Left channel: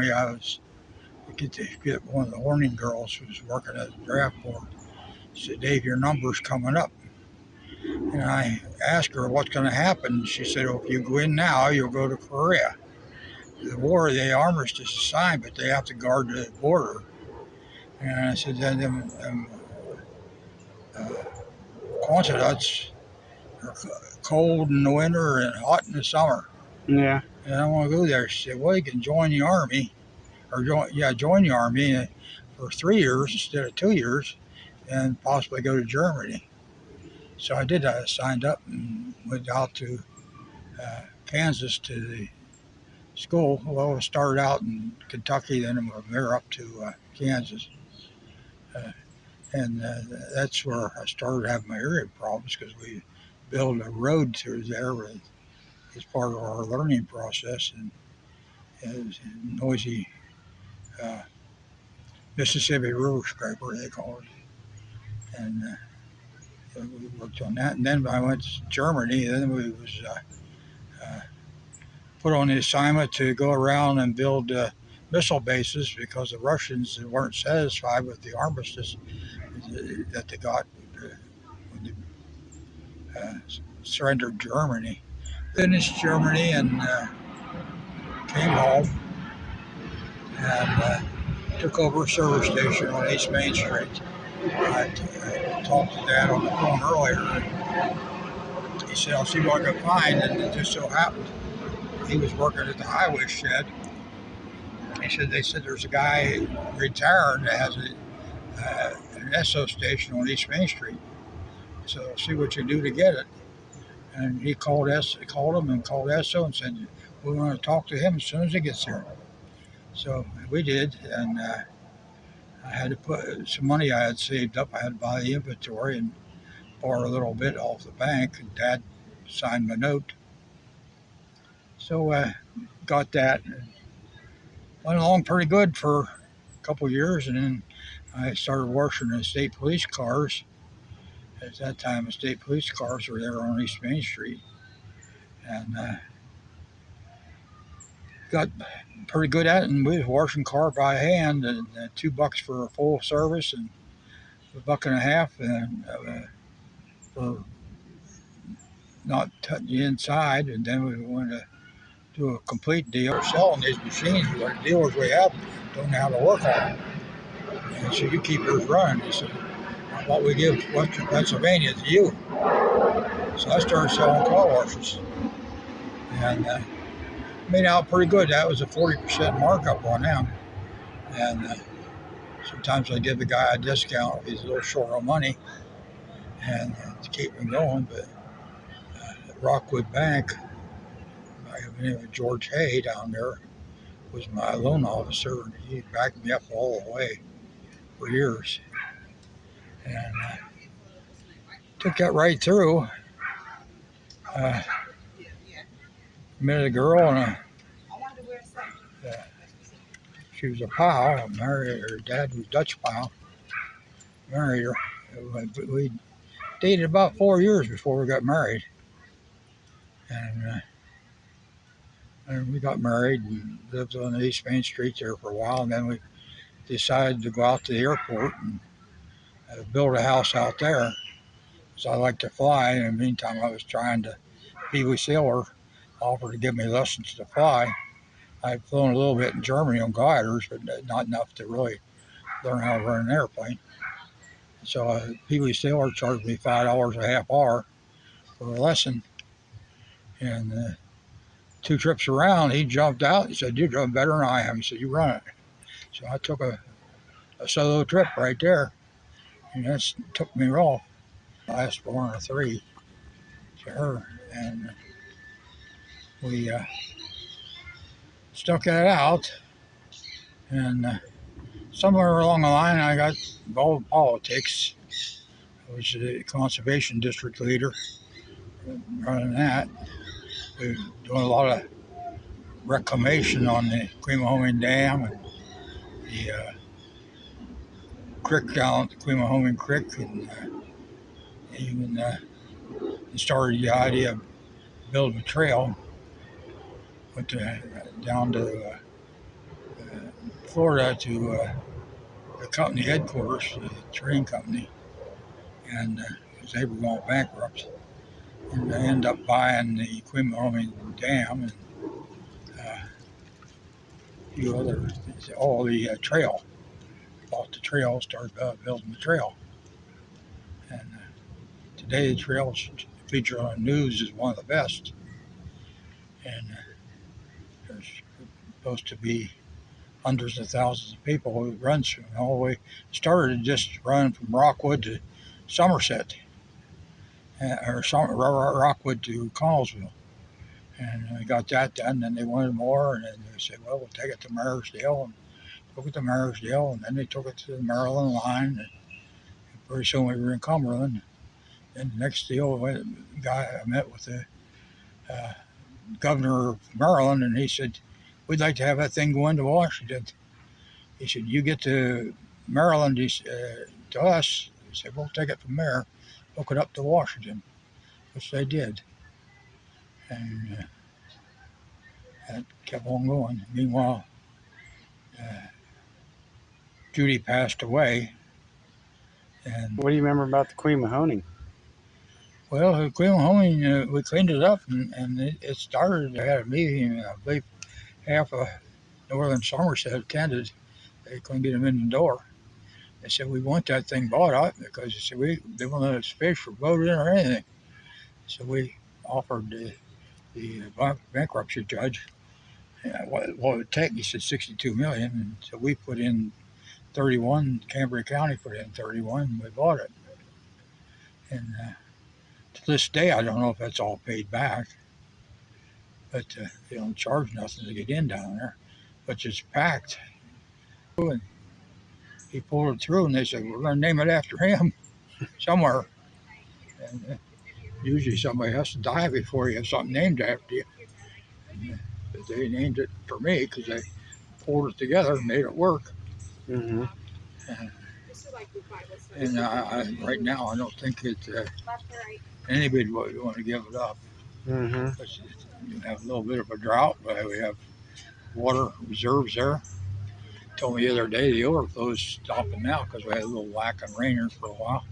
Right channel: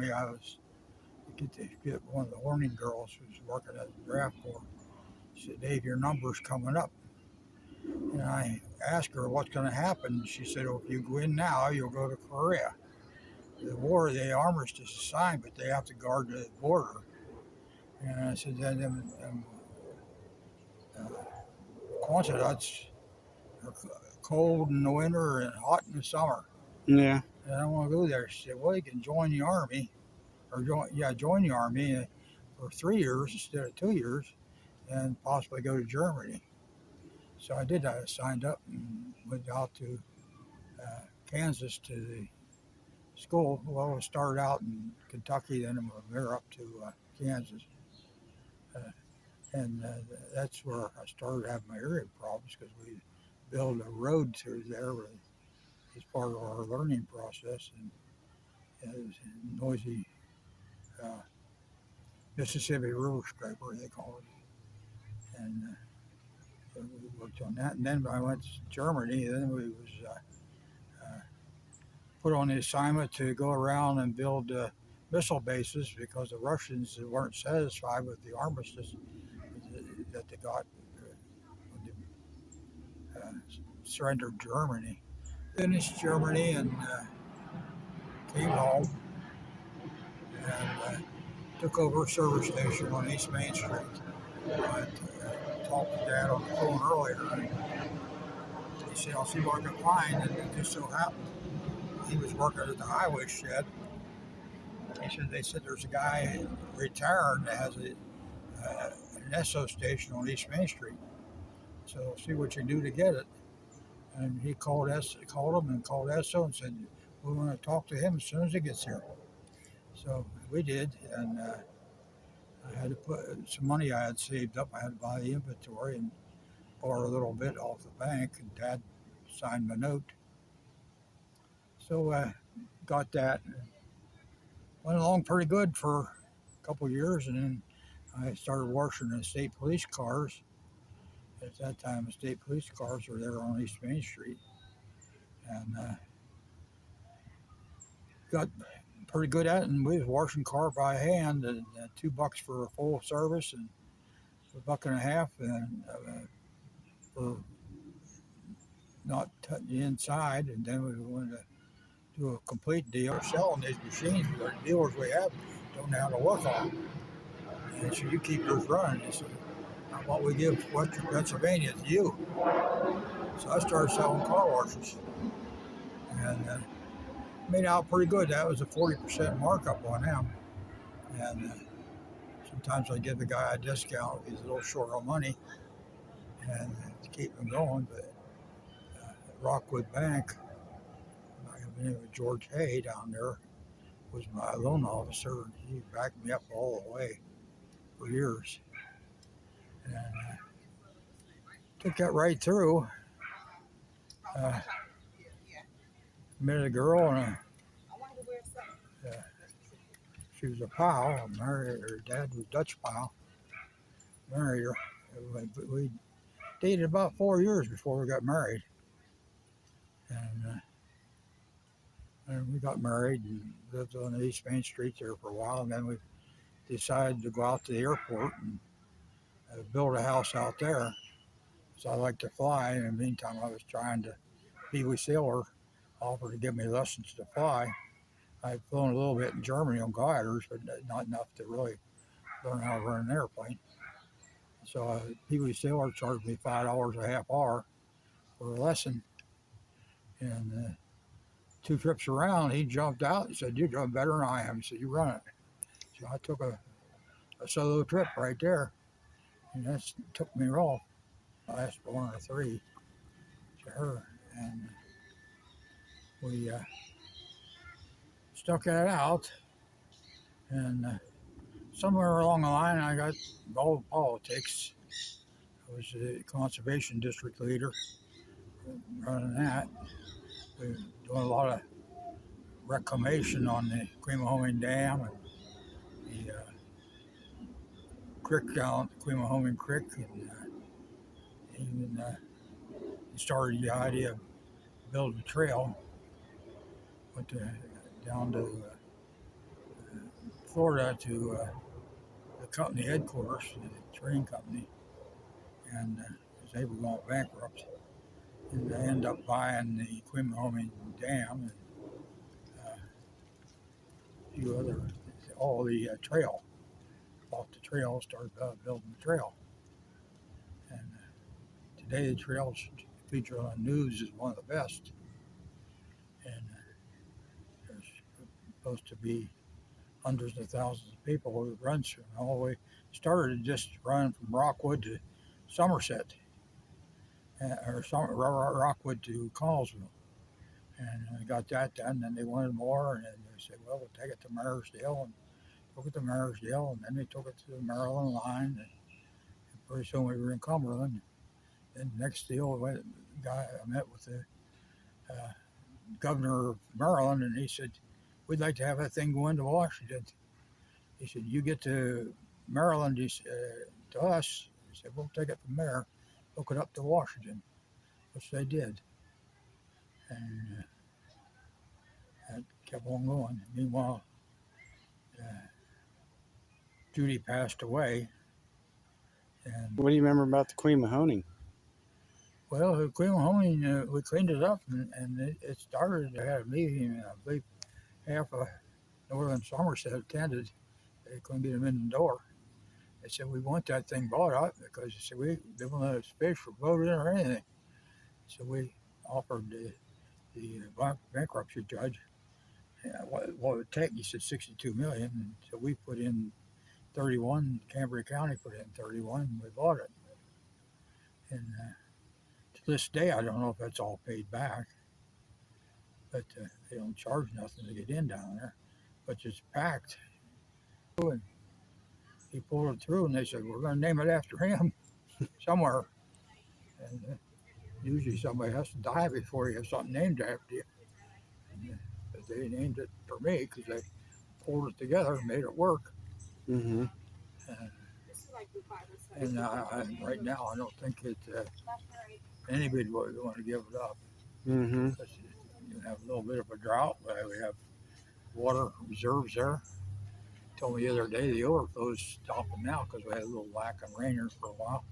I was get one of the horning girls who was working at the draft board. She said, "Dave, your number's coming up." And I asked her what's going to happen. She said, "Oh, if you go in now, you'll go to Korea. The war, the armistice is signed, but they have to guard the border." And I said, "Then uh, Quonset are cold in the winter and hot in the summer. Yeah. And I want to go there." She said, "Well, you can join the army, or join the army for 3 years instead of 2 years, and possibly go to Germany." So I did. I signed up and went out to Kansas to the school. Well, I started out in Kentucky, then from there up to Kansas. And that's where I started having my hearing problems, because we built a road through there as part of our learning process. And it was a noisy Mississippi River scraper, they call it. And we worked on that. And then I went to Germany. Then we was put on the assignment to go around and build missile bases, because the Russians weren't satisfied with the armistice that they got when they surrendered Germany. Finished Germany and came home and took over a service station on East Main Street. I talked to Dad on the phone earlier. He said, "I'll see what I can find," and it just so happened he was working at the highway shed. He said, "They said there's a guy retired that has an Esso station on East Main Street. So I'll see what you do to get it." And he called him and called Esso and said, "We want to talk to him as soon as he gets here." So we did, and I had to put some money I had saved up. I had to buy the inventory and borrow a little bit off the bank, and Dad signed my note. So I got that. Went along pretty good for a couple of years, and then I started working in state police cars. At that time, the state police cars were there on East Main Street, and got pretty good at it. And we was washing car by hand, and $2 for a full service, and $1.50 and for not touching the inside. And then we wanted to do a complete deal. Selling these machines, the dealers we have don't know how to work on them. And so you keep yours running. They said, "What we give Western Pennsylvania to you." So I started selling car washes, and made out pretty good. That was a 40% markup on them. And sometimes I give the guy a discount if he's a little short on money, and to keep him going. But Rockwood Bank, by the name of George Hay down there, was my loan officer, and he backed me up all the way for years. And took that right through. Met a girl, and she was a pal. I married her. Dad was Dutch pal. Married her. We dated about 4 years before we got married. And we got married and lived on the East Main Street there for a while. And then we decided to go out to the airport and build a house out there. So I like to fly. In the meantime, I was trying to, Pee Wee Sailor offered to give me lessons to fly. I'd flown a little bit in Germany on gliders, but not enough to really learn how to run an airplane. So Pee Wee Sailor charged me $5 a half hour for a lesson. And 2 trips around, he jumped out and said, "You're doing better than I am." He said, "You run it." So I took a solo trip right there, and that took me off. Last born of 3 to her, and we stuck that out. And somewhere along the line, I got involved in politics. I was the conservation district leader, running that. We were doing a lot of reclamation on the Quemahoning Dam and the creek down at the Quemahoning Creek, and even started the idea of building a trail. Went down to Florida to the company headquarters, the train company, and they were going bankrupt. And they ended up buying the Quemahoning Dam and a few other, all the trail. Bought the trail, started building the trail. And today the trails feature on the news as one of the best. And there's supposed to be hundreds of thousands of people who runs from all the way. Started just running from Rockwood to Somerset, or Rockwood to Connellsville. And they got that done, and they wanted more, and then they said, well, we'll take it to Marysdale, and took it to Marysdale, and then they took it to the Maryland line, and pretty soon we were in Cumberland. And the next deal, the guy I met with the governor of Maryland, and he said, we'd like to have that thing go into Washington. He said, you get to Maryland, to us. He said, we'll take it from there, hook it up to Washington, which they did. And that kept on going. Meanwhile, Judy passed away. And what do you remember about the Quemahoning? Well, the Quemahoning, we cleaned it up, and it started. They had a meeting. I believe half of northern Somerset attended. They couldn't get them in the door. They said, we want that thing bought out because they said they won't let us fish or boat in or anything. So we offered the bankruptcy judge what it would take. He said $62 million. And so we put in 31. Cambria County put in 31. And we bought it. And to this day, I don't know if that's all paid back. But they don't charge nothing to get in down there. But it's packed. And he pulled it through, and they said, we're going to name it after him somewhere. And usually somebody has to die before you have something named after you. But they named it for me because they pulled it together and made it work. Mm-hmm. And right now, I don't think anybody would want to give it up. Mm-hmm. You have a little bit of a drought, but we have water reserves there. Told me the other day the overflow's stopping now because we had a little lack of rain here for a while.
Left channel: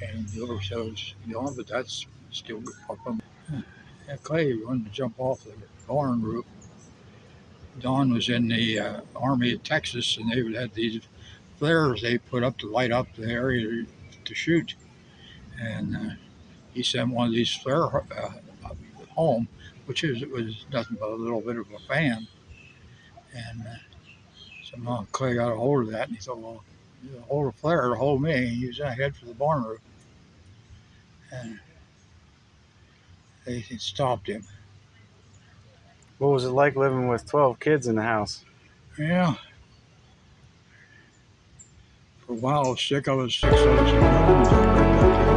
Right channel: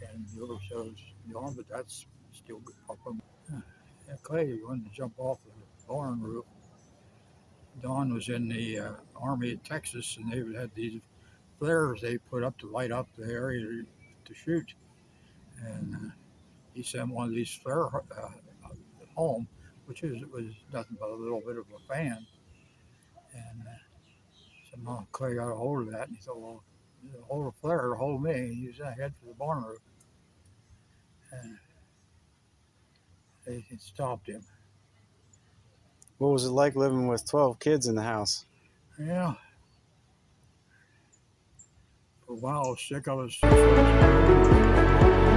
And the overflow's gone, but that's still good. Yeah, Clay wanted to jump off the barn roof. Don was in the Army of Texas, and they had these flares they put up to light up the area to shoot. And he sent one of these flare home, which was nothing but a little bit of a fan. And somehow Clay got a hold of that, and he thought, well, hold a flare to hold me. He was ahead for the barn roof. And they stopped him. What was it like living with 12 kids in the house? Yeah. For a while I was sick. I was 6 months.